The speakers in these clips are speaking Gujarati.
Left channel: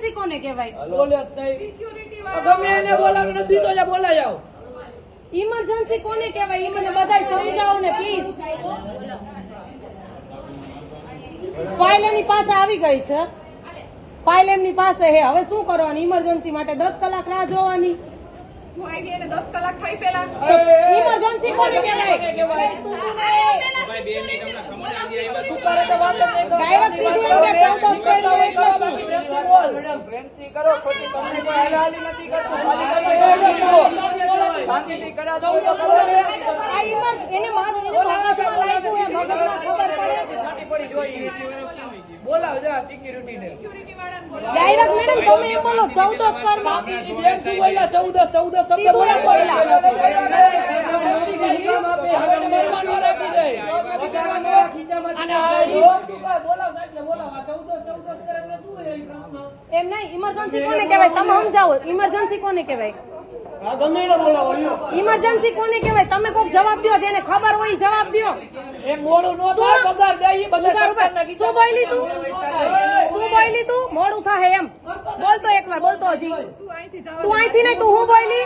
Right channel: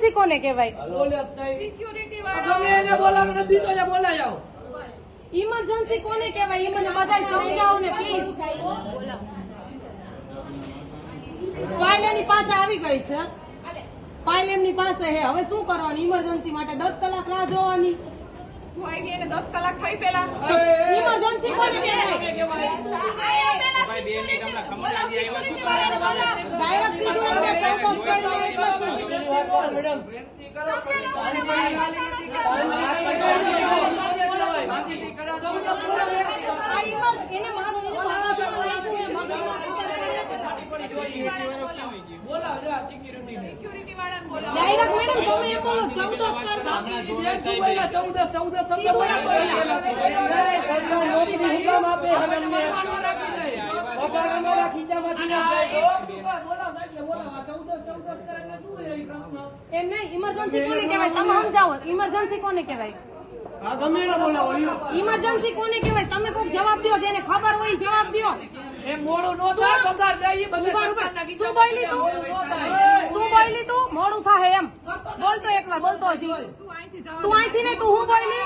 ઇમરજન્સી કોને કહેવાય? જ નહીં. ગમે એને બોલાવો નથી તો બોલાય આવો. ઇમરજન્સી કોને કહેવાય? એ મને બધાય સમજાવો ને પ્લીઝ ફાઇલ એની પાસે આવી ગઈ છે. ફાઇલ એમની પાસે હે હવે શું કરવાની? ઇમરજન્સી માટે દસ કલાક રાહ જોવાની. ઇમરજન્સી કોને કહેવાય? ડાયરેક્ટ સીધું એમ કે ચૌદસ કર્યો એટલે શું મેડમ પ્રેમથી કરો, ખોટી પાણી બહાર હાલી નથી કરવાની. શાંતિથી કરાવો. આ ઇમર એને મારું એને મગજમાં લાગ્યું હે મગજમાં ખબર પડે બોલાવો જરા સિક્યુરિટી ડાયરેક્ટ મેડમ તમે એમ બોલો ચૌદસ બોલ્યા? ચૌદસ ચૌદસ શબ્દ રાખી જાય. એમ નહીં ઇમરજન્સી કોને કહેવાય? તમે સમજાવો ઇમરજન્સી કોને કહેવાય? ઇમરજન્સી કોને કહેવાય? તમે કોક જવાબ દો જેને ખબર હોય જવાબ દો શું બોલી તું? શું બોલી તું? મોડું થાય એમ. બોલતો એકવાર બોલતો હજી. તું અહીંથી નહીં તું હું બોલી?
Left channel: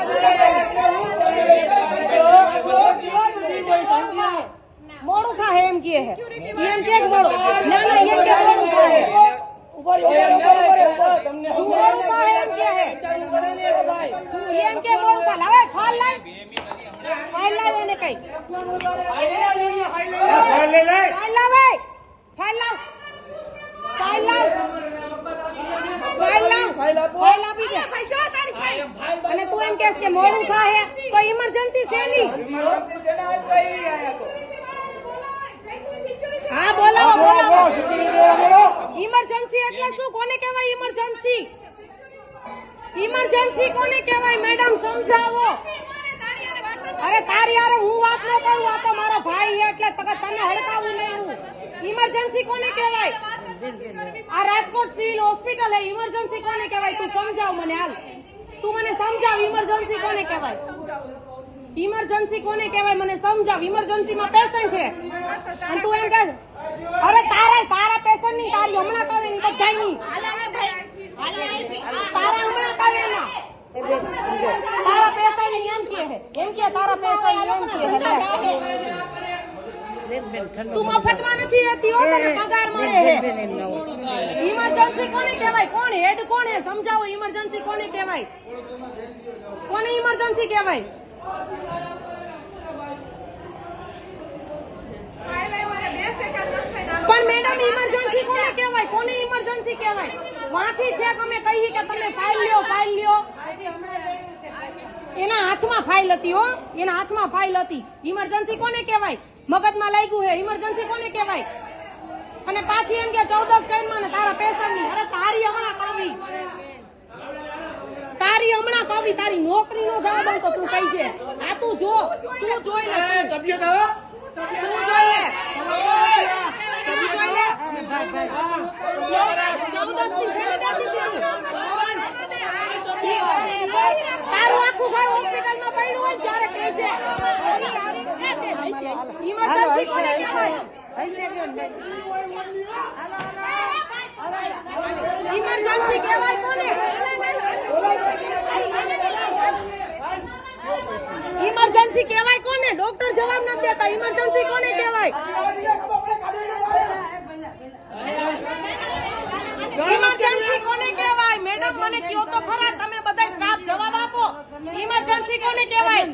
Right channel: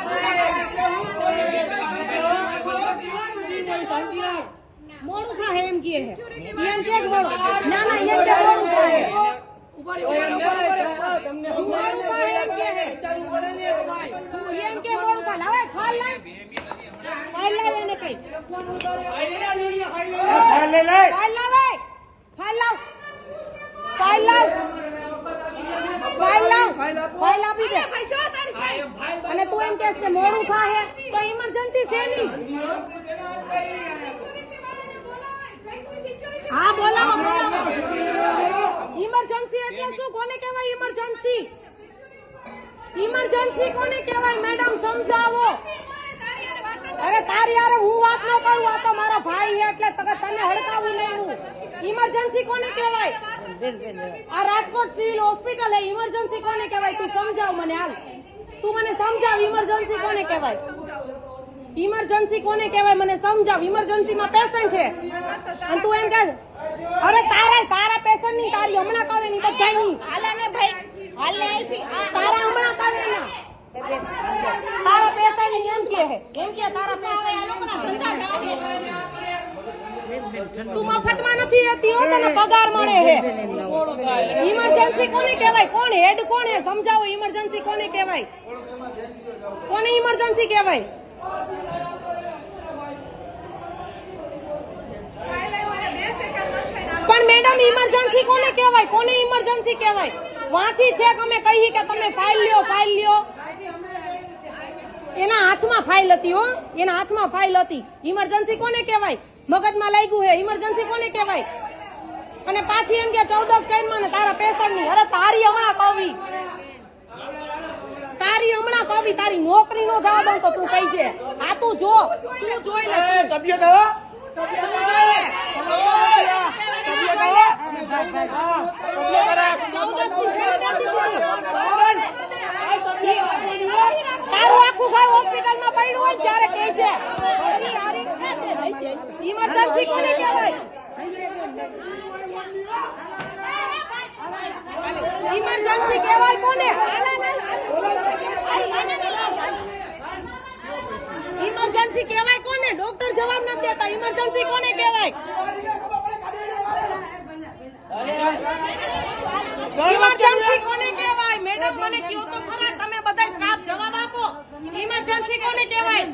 મોડું થાય એમ કહે એમ કે મોડું ના ના એમ કે મોડું થાય. અને તું એમ કહેશ કે મોડું થાય તો ઇમરજન્સી છે ની હા બોલાવો બોલાવો ઇમરજન્સી એટલે શું? કોને કહેવાય ઇમરજન્સી ઇમરજન્સી કોને કહેવાય? મેડમ સમજાવો. અરે તારી અરે હું વાત ન કરું આ તો મારો ભાઈ એટલે તને તને હડકાવું નહીં હું. ઇમરજન્સી કોને કહેવાય? આ રાજકોટ સિવિલ હોસ્પિટલ હે. ઇમરજન્સી કોને કહેવાય? તું સમજાવ મને હાલ. તું મને સમજાવ ઇમરજન્સી કોને કહેવાય? ઇમરજન્સી કોને કહેવાય? મને સમજાવ. ઇમરજન્સી માં પેશન્ટ છે. અને તું એમ કહે અરે તારા તારા પેશન્ટની તારી હમણાં કાવે ની બધાયની હાલાને ભાઈ. તારા હમણાં કાવે ના તારા પેશન્ટની એમ કે હે એમ કે તારા પેશન્ટ તું મફતમાં નથી રહેતી હો તને પગાર મળે હે. ઇમરજન્સી કોને કહેવાય? કોણ હેડ કોણ હે? સમજાવો ઇમરજન્સી કોને કહેવાય? કોને ઇમરજન્સી કહેવાય ફાઇલ આવ્યો અને બે સેકન્ડ નથી થઈને મેડમ ઇમરજન્સી કોને કહેવાય? કોને ઇમરજન્સી કહેવાય? વાંથી છે તમે અમે કહીએ કે તમે ફાઇલ લ્યો ફાઇલ લ્યો. એના હાથમાં ફાઇલ હતી હો. એના હાથમાં ફાઇલ હતી. ઇમરજન્સી કોને કહેવાય? મગજમાં લાગ્યું હે ઇમરજન્સી કોને કહેવાય? અને પાછી એમ કે ચૌદસ કઈ ને તારા પેશન્ટની અરે તારી હમણાં કવિ તારી હમણાં કવિ તારી નોકરી નો જવાબ અંકો તું કહી છે. આ તું જો. તું જોઈ લે. તું સભ્ય તું જોઈ લે તું જોઈ લે ચૌદસની શેની દેતી હતી તું? ઇમરજન્સી કહેવાય કોને? ઇમરજન્સી કોને ડોક્ટર જવાબ નથી દેતા. ઇમરજન્સી કોને કહેવાય ઇમરજન્સી કોને કહેવાય મેડમ મને કયો તો ખરા તમે બધા સ્ટાફ જવાબ આપો ઇમરજન્સી કોને કહેવાય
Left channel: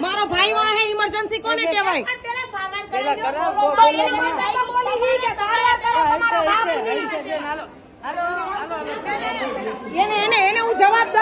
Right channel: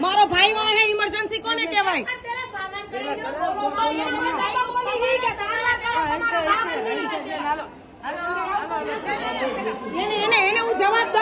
મારો ભાઈ વાહ હે ઇમરજન્સી કોને કહેવાય એને એને હું જવાબદાર